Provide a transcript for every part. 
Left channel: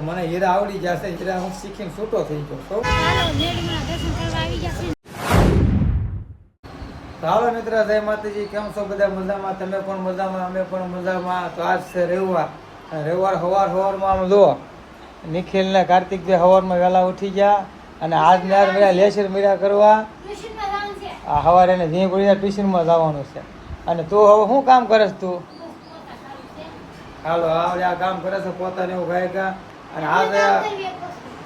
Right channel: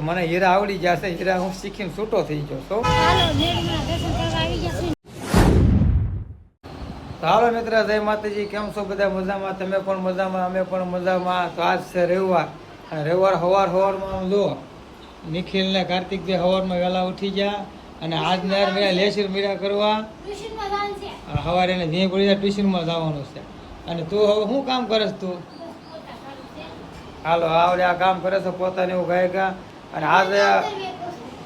મને હીરા આવડી ગયા છે હીરા હું શીખીને છૂટો થઈ છું. ગયા. તો હાલો મિત્ર જય માતાજી કેમ છો બધા મજામાં? તમે પણ મજામાં અમે પણ મજામાં. તો આજ છે રવિવાર. અને રવિવાર સવાર સવારમાં આમ જો નિખિલ ને કાર્તિક બે સવારમાં વહેલા ઉઠી ગયા અને આજ નાર મેળા લેસર મીરા કરવા. હવારે છે. આ સવારે એને ધીમે પડી ટ્યુશનમાં જવાનું છે. અને તું હવે શું કામ કરે તું? હાલો આવડે આ કામ કરે છે પોતાને એવું ગાય ગા. અને આજે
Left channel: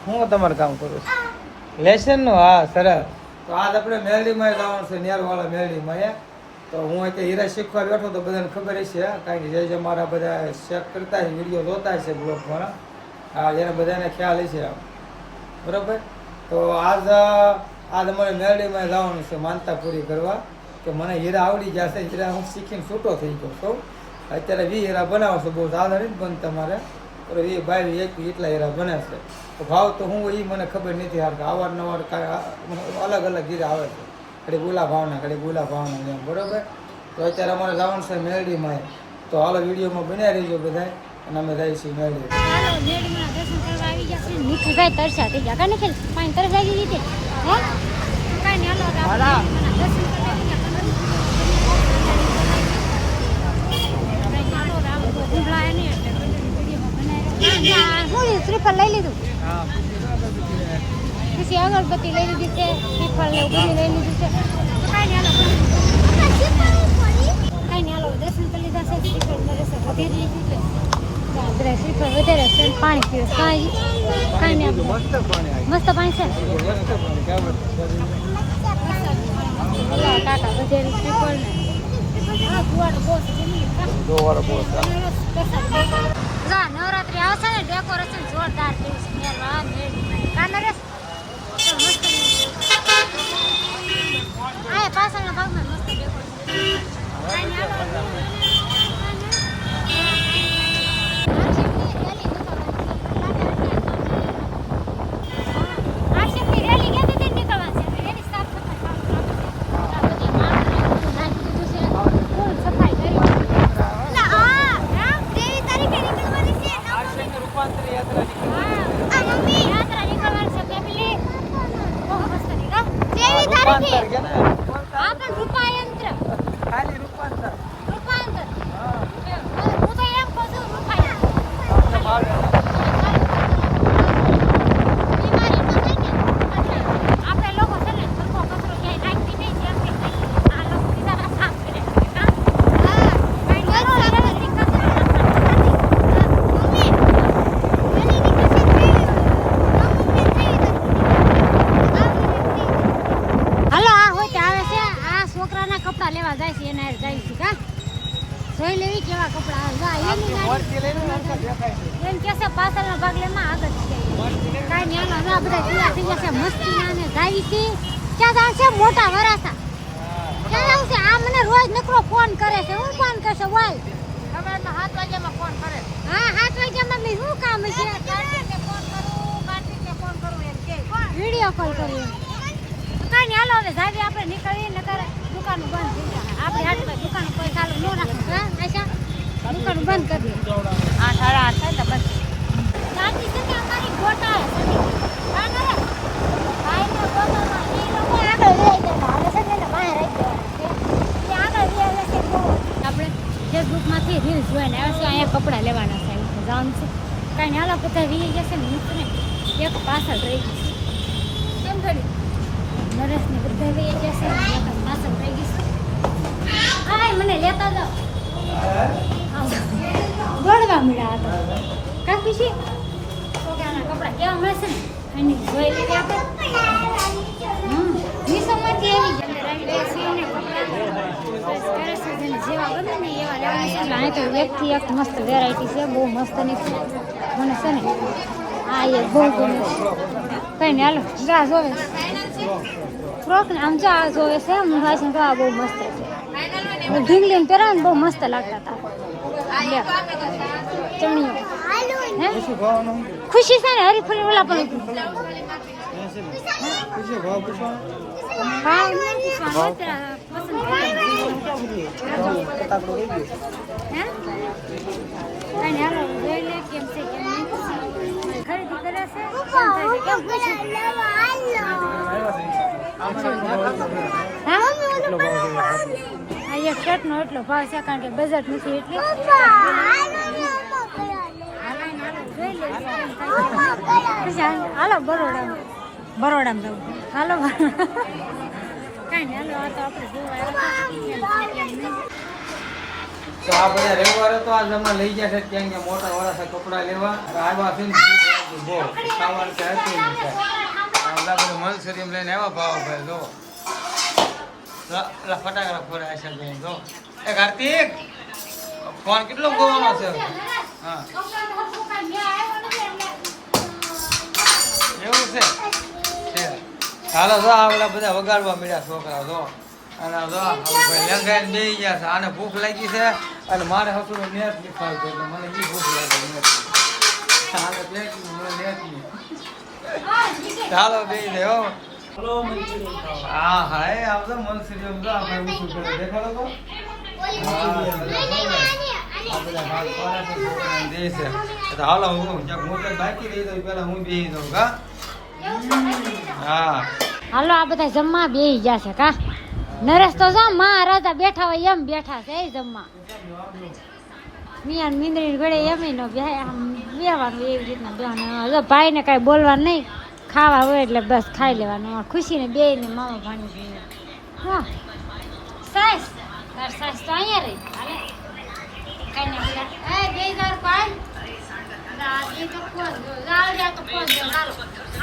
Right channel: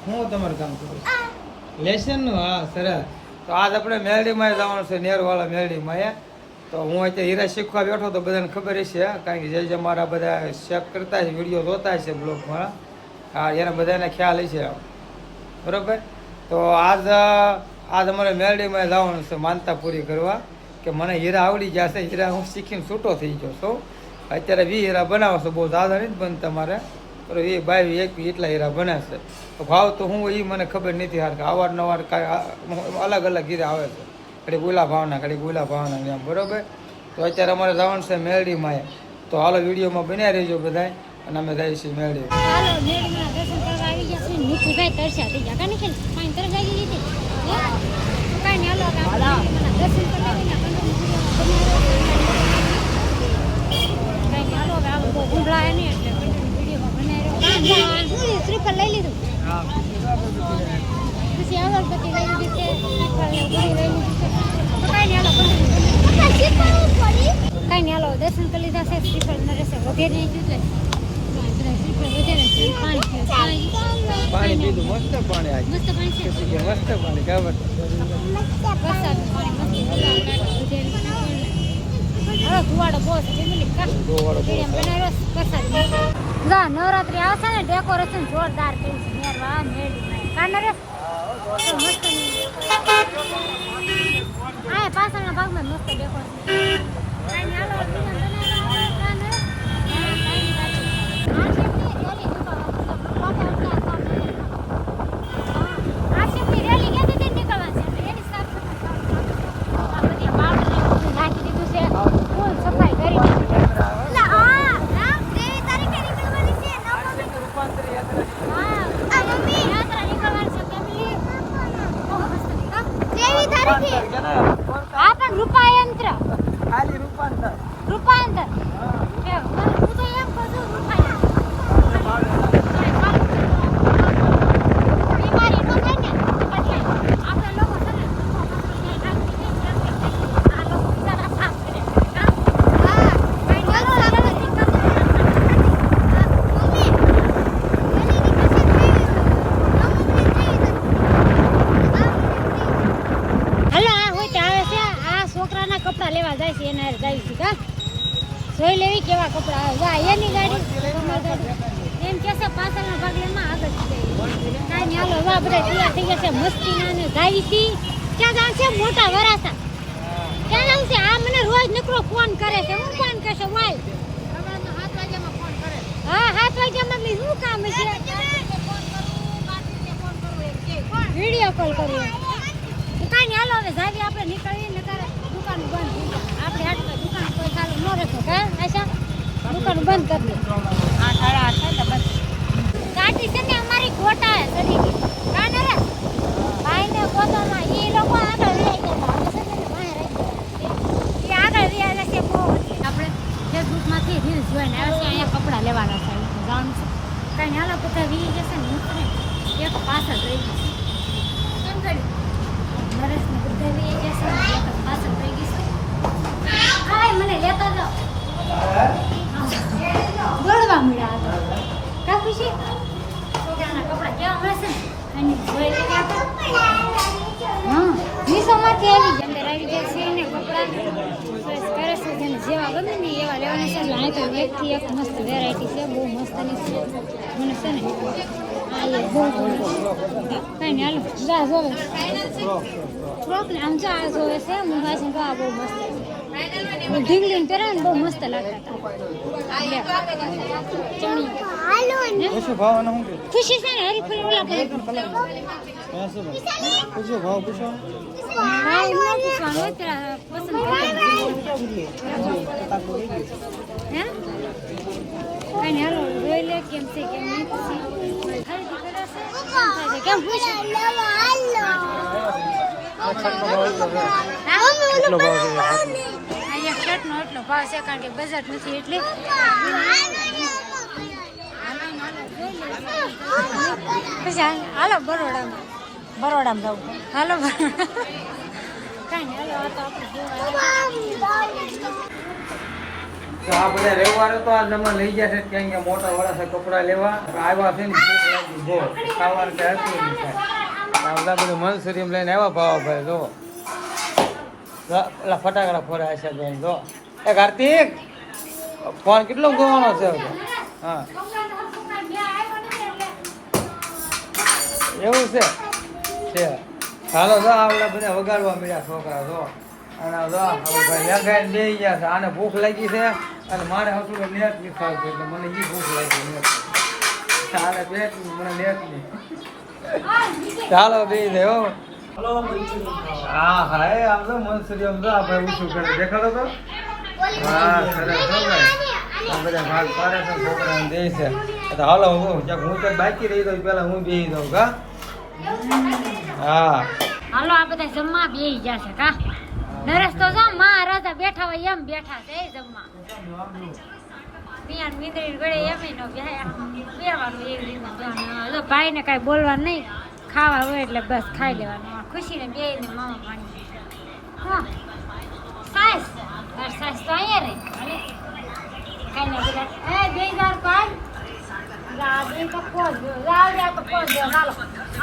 હું તમારું કામ કરું છું? લેસનનું? હા, સરસ. તો આજ આપણે મેલડીમાં જવાનું છે, નેરવાળા મેલડીમાં એ તો હું અત્યારે હીરા શીખવા બેઠો તો બધાને ખબર છે કારણ કે જે જે મારા બધા ચેક કરતા છે વીડિયો જોતા છે બ્લોગમાં, હા, એને બધાને ખ્યાલ હશે. બરોબર? તો આજ આજ અમારે મેલડીમાં જવાનું છે, માનતા પૂરી કરવા, કે મને હીરા આવડી ગયા છે, હીરા હું શીખીને છૂટો થઈ ગયો છું. અત્યારે વી હીરા બનાવો છો, બહુ સાદા નથી બનતા તમારે. પણ વી બાવી એક એટલા હીરા બને છે તો ભાવ તો હું એ મને ખબર નથી હાર કે અવારનવાર કાંઈ અલગ અલગ હીરા આવે છે ઘડી ગુલા ભાવના ઘડી ગુલા ભાવના એમ બરોબર તો અત્યારે અમારે જવાનું છે મેરડીમાં તો હાલો વિડીયોમાં બન્યા રહીજો બધા અને અમે જઈશું મેરડી ચાલો મેળીમાં દર્શન કરવા આવી ગયા છીએ. મુઠ્ઠીભાઈ તરસ્યા થઈ ગયા. પાણી તરસ લાગી ગઈ છે? હો? કાંઈ નહીં, હાલો દર્શન કરવા ગયા. કાંઈ નહીં, હાલો હવે આપણે બહુ ગુંભળાયા નહીં એટલે કંઈ વિડીયોમાં બનાવી રહ્યો. આ, આ, શું છે? શ્રીફળ લઈ લીધું? પછી અગરબત્તી લઈ લીધી છે શ્રીફળ લઈ લીધી કાંઈ નહીં, હાલો પંડિત. કાંઈ દર્શન કરી લીધા છે. શ્રીફળ નરેશે વધેરી લીધું છે. શ્રીફળ વધારે છે. પાણી પીવે કાંઈ કાંઈ નહીં મસ્ત પાણી. છે? બોલાવો કાકા વધેરી શ્રીફળ ને હા ધુવાડો બહુ છે પ્રસાદ. જા નવરાત્રી આવશે ને ડેકોરેશન જોરદાર કર્યું છે. મેરવા મેળી કા રે તો મસ્ત આ પાછળના ભાગમાં મસ્ત ડેકોરેશન કાંઈ નહીં, હાલો, વિરામ બનાવ્યા આપણે, કા નરેશ? આશિકની રેલી ક્યાંથી થી નીકળવાની છે? એની સાફ સફાઈ ચાલુ છે. બાવળને બધું નાખી દીધું છે. ફૂલ સફાઈ કરી છે. એટલે આ, હા, ત્રેવીસ તારીખે નીકળવાની છે. રૂપાંતરી યાત્રા હા, આ મમ્મી, યાત્રા નીકળવાની છે. ફેમિલી. બહુ મસ્ત નીકળ. ત્રેવીસ તારીખે. આ પણ રૂપાયંત્ર. ખાલી રૂપાંતર રૂપાયંત્ર. હા કેમ? હું તો એમ કહું છું, રૂપાયંત્ર. બીમારી ન થાય ને, એટલે આપણે લોકો છે ને, સરખો કચરો ક્યાંય નાખતી નહીં, જેમ કે આ લોકો બિચારા સાફ કરે છે, કાં? હા, કાંઈ વાંધો નહીં, હવે નીકળશે ને, હા, મમ્મી, વહેલી નીકળશે ને, હાલો આ હોય તે આવે છે આ છોકરાના કપડા લેવા જાય છે એના જાય છે કા? જોઈ લેવી કેવા કપડા? આવે જાય એની ગાડી. એમ કે છે ભાગ ભાગલેમાં આગળ જાય. કાંઈ નહીં આનો જા બધા તૈયાર થઈ ગયા છે. મસ્તીના ને જાય હતી ક્યાં જાવ છે? મોટા વરાસા. ક્યાં જાવ છે? આ મને રોજ નકરો ફોન કરે છે. હું ફોન કરશે? વાય. સવારના સાત વાગ્યામાં ફોન કરે. હા સાત વાગ્યા મમ્મી શું કામ છે? ફોન કરું કાર્તિકે ફોન કરું એમ કે. વીડિયો કોલ કર્યો કાંઈ નહીં હાલો હવે જાવી આપણે નીકળીએ નકર દુકાન બંધ થઈ જાય આપણે આટલા દુકાન કોઈ ચાલુ ન રાખે. હા આશા? દુકાન બંધ કરી દે. આઠ સાડા આઠ થાય તો બંધ. ગાડી છે ને અમારી ગોટા હે સડી. ને રે ભાઈ ને ગોટામાં ઈ લોકો આગળ રિયાઈ કરતા હાલે છે ને બહાર રાખી ઈ આગળ રિયાઈ છે બહુ આપણે ફેસબુકમાંથી રીલ્સ જોઈને આવે છે અહીંયા કપડાં લેવાના થાય છે ગામ છે. કાંઈ નહીં આલા બધા વી જશે ને હું એક પાછળ રહી ગઈ કેમ કર્યું નરેશ ને બધા વી જશે ને એક પાછળ રહી મને લેતા જાઓ. દોડવા મળ્યા હતા. કા ખુશી છોકરાના કપડાં કેવા મળશે ને? અને જોઈ લેવા આપણે હમ મીશોમાંથી આવી ગયા. છે ને કપડાં. કરે છે જેને જેવા ગમે ને એવા લેવાના છે. એટલે તો એકથી એક મસ્ત વેરાયટી છે. બહુ મસ્તની છે. મને છે ને આ એ બહુ ગમે કઈ ને હાલો ફ્રોક ને આમ જો આ જોવે છે. હું ભાઈ તો આ બહુ મસ્ત છે. ઢીંગલી ને પહેરા ને બહુ મસ્ત લાગતા હતા શું ખુશી છે ને? હરીફરી ઓલા પણ ખરીદી કરી છે કેમ નહીં એક શર્ટનો એટલો ભાવ છે કારણ કે બજેટ નથી એટલી પછી હાલો બરોડામાં બરોડામાં જવું હાલો બરોડા કાંઈ હાલો આ તો આપણે જોવા તો આ બધા રવિવારે તો આ જમા લઈ કેમ કે મોટા વરસ કપડા લેવા. આવ્યા છે ને, ભૂખ લાગી બહુ ખાવાનું નહીં કાંઈ. આ બધા બધું મનસુરી લઈને આવ્યા ભાવ ભાઈ જો પેલા ફટાકડા ફોરાય છે ભાઈ જો. એ કાર્તિક, ફોન કેટલો ગોવાનો છે? હા. એવું છે? છે. ચાલો જો આવડા બધા વગાડવા મળ્યા છોકરા, જો. અને જો ભાઈ લંગાઈને બે ગયા છે. આને ભૂખ લાગી છે અને મારે હતું નેટ લીખાવ છે, એટલે મને એ ભૂખ લાગી નેટ આને પેટ મને નેટ નહીં ચાલો બે દેવો હા. હા એ આમ તો મનસુરી આમ તો આ ભાઈ ઊંચું કરે દેખાડો તો. હા સરસ હો ભાઈ. આ બધા ભાગ પાડે છે છોકરાને દે છે. તો હાલો હું જ્યાંક હું તો બાકી રહી દઉં પેલા હું બેસી દઉં કા? હા. હાલો આ બધા જમવા બેસી ગયા છે કા? નરેશ તો જો રાજા બેઠા હોય એમ બેઠા છે એ જમવા. મિયાન મીંદડી ગળે એમ નો બેવાનું એવી રીતના ભાઈને કાંઈ બોલવાનું નહીં. ખાવા હોય એટલે બસ ખાઈ લેવાનું. ખુશીને બે ને મામા ભાણી હા. સાસ. તાર સાસ તો અહીંયા રે હાલે. કાંઈ નહીં બધા એ બે હજાર પાંચ દાદી તો પોસ દાદી તો પોસ હાલો.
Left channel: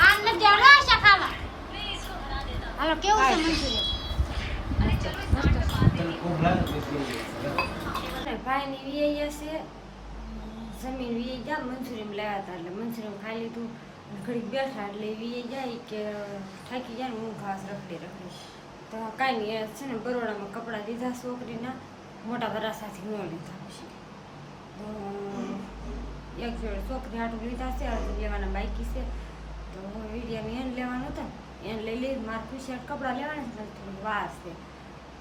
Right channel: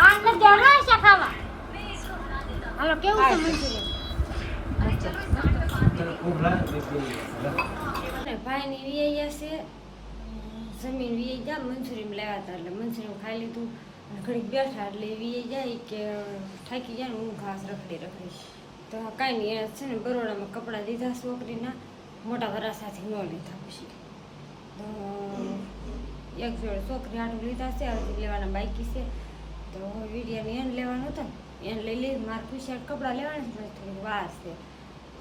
આ ને દેવના છે ખાવા. હાલો કેવું છે મંચુરિયન મસ્ત ભાઈ ની છે જમીન વીએ ગયા મંચુરિયન લાવ્યા હતા એટલે મંચુરિયન ખાઈ લીધું. અને ઘડીક બેઠા એટલે વીએ જાય કે થાકી જાય ને હું ઘાસ રખડી રખડી તો કાંઈ નહીં છે ને બરોડામાં કપડાં લીધા છોકરીના, મોટા વરાસાથી ન લીધા પછી. તો એક જોડે છોકરી આટલું લીધા છે, હજી લેવાના બાકી છે. તો વિડીયાને એને લેવાનું હતું ને, એને લઈ લઈ મારે પૂછ્યા કપડાં લેવાના છે થોડીક વાર છે.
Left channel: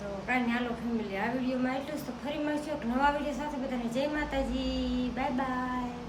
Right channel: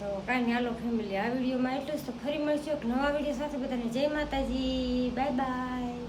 તો કાંઈ નહીં હાલો ફેમિલી આ વિડીયોમાં એટલું જ. તો ફરી મળશું નવા વીડિયો સાથે. બધાને જય માતાજી. Bye bye.